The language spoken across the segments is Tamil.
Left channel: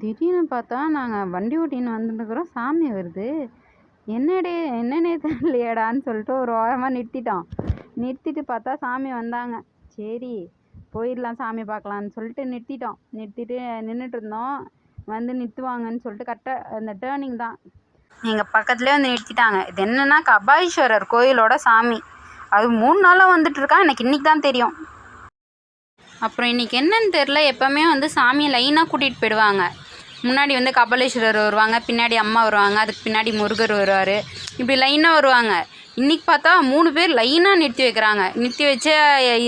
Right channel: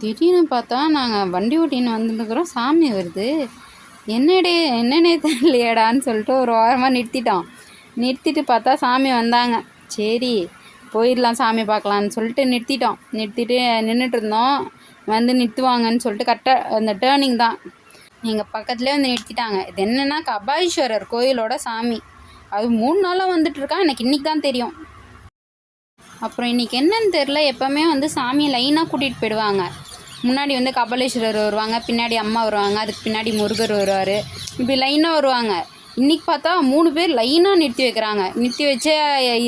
திடீர்னு பார்த்தா நாங்கள் வண்டி ஓட்டின்னு வந்துட்டுருக்குறோம், சாமி வருது. என்னன்னே தெரியலையேடான்னு சொல்லிட்டு ஒரு வாரமாக நிறுத்திட்டோம். நிறுத்திட்டு பார்த்தா சாமி வந்தாங்க. சரி போயிடலாம் சாமி பார்க்கலான்னு சொல்லிட்டு நிறுத்திட்டோம். நிறுத்திட்டு நின்றுட்டு இருந்தோம். வந்து நிறுத்துவாங்கன்னு சொல்லிட்டு கரெக்டாக அந்த டேர்னிங் தான் எங்கள் பக்கத்துலேயே வந்து நிறுத்திட்டாங்க. இது என்னென்னா கபாலீஸ்வரர் கோயிலோட சாமி. அது 3 நாளாக வந்துட்டுருக்கான். எனக்கு இன்றைக்கி தான் தெரியும். அப்புறம் இன்றைக்கி என்னன்னு தெரில, எப்போவுமே வந்து சாமியை லைனாக கூட்டிகிட்டு போயிடுவாங்க. முன்னாடி வந்து கபாலீஸ்வரர் வருவாங்க, பின்னாடி அம்மா வருவாங்க, அதுக்கு பின்னாடி முருகர் வருவார், இப்படி லைனாக வருவாங்க. இன்றைக்கி பார்த்தா 3 பேர் லைனாக நிறுத்தி வைக்கிறாங்க. நிறுத்தி வச்சு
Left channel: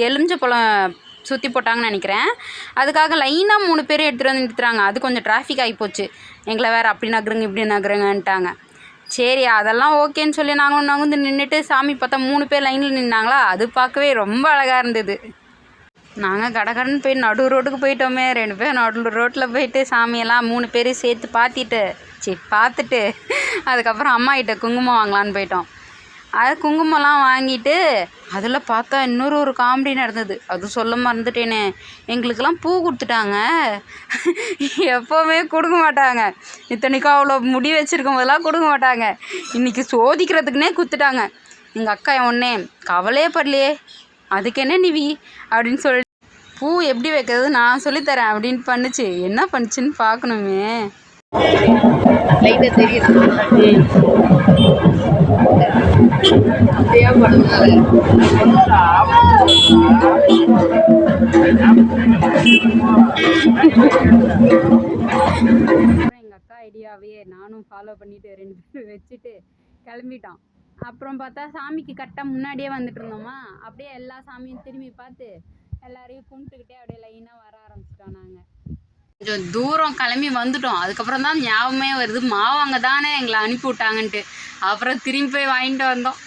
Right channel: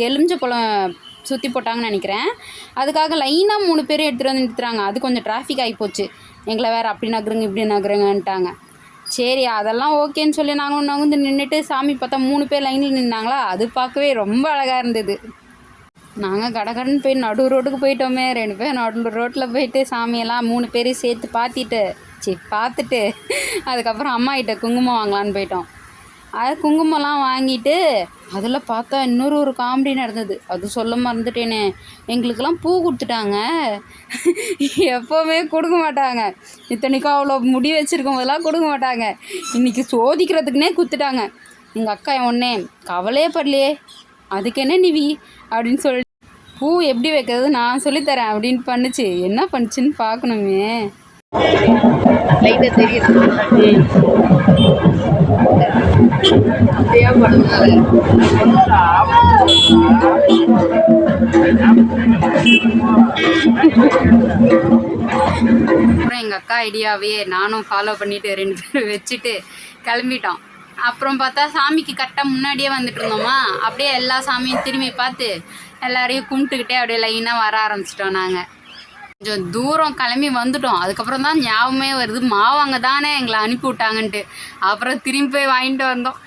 எலுமிச்ச பழம் சுற்றி போட்டாங்கன்னு நினைக்கிறேன். அதுக்காக லைனாக 3 பேர் எடுத்துகிட்டு வந்து நிறுத்துறாங்க. அது கொஞ்சம் டிராஃபிக் ஆகிப்போச்சு. எங்களை வேறு அப்படி நகருங்க இப்படி நகருங்கன்ட்டாங்க. சரி அதெல்லாம் ஓகேன்னு சொல்லி நாங்களும் நகர்ந்து நின்றுட்டு சாமி பார்த்தா 3 பேர் லைனில் நின்னாங்களா, அது பார்க்கவே ரொம்ப அழகாக இருந்தது. நாங்கள் கடகடன்னு போய் நடு ரோட்டுக்கு போயிட்டோமே. 2 பேர் நடு ரோட்டில் போயிட்டு சாமியெல்லாம் 3 பேரும் சேர்த்து பார்த்துட்டு அதுக்கப்புறம் அம்மா கிட்ட குங்குமம் வாங்கலான்னு போயிட்டோம். அது குங்குமம்லாம் வாங்கிட்டு அதில் பார்த்தா ஒரு காமெடி நடந்தது. அது சொல்ல மறந்துட்டேனே. எங்களுக்கெல்லாம் பூ கொடுத்துட்டாங்க. எப்போவுமே கொடுக்க மாட்டாங்க. இத்தனைக்கும் அவ்வளோ முடி வச்சுருக்கும் போதெல்லாம் கொடுக்க மாட்டாங்க. இன்றைக்கி சோதிக்கிறதுக்குன்னே கொடுத்துட்டாங்க. எங்கள் அக்கா ஒன்னே கவலையே படலையே, அதுக்கு என்ன நிவி அப்படின்னு சொல்லி பூ எப்படி வைக்கிறது நான் சொல்லித்தரேன் அப்படின்னு பண்ணுச்சு. என்ன பண்ணுச்சுன்னு பார்க்கணுமே. அப்புறம் எங்கள் அக்கா ஐடியாவே நானும் ஃபாலோ பண்ணிவிட்டு 2 பேரும் வச்சுட்டு கிளம்பிட்டோம். அப்புறம் பார்த்தா சாமிக்கு கரெக்டாக முன்னாடியே வந்துட்டு இருந்தோமா, அப்படியே எல்லா சாமியும் திரும்பி பார்த்து எல்லாரையும் கும்பிட்டுக்கிட்டே அப்படியே லைனாக வர ஆரம்பிச்சிட்டோம். நாங்கள் கொஞ்சம் தூரம் கிளம்பி வந்துட்டோம். அதுக்கப்புறம் தான் ஞாபகமே வருது, மாவு அங்கே தானே எங்களை அனுப்பி விட்டாங்கன்ட்டு. அப்புறம் திரும்பி போய் வாங்கிட்டு வந்தோம்.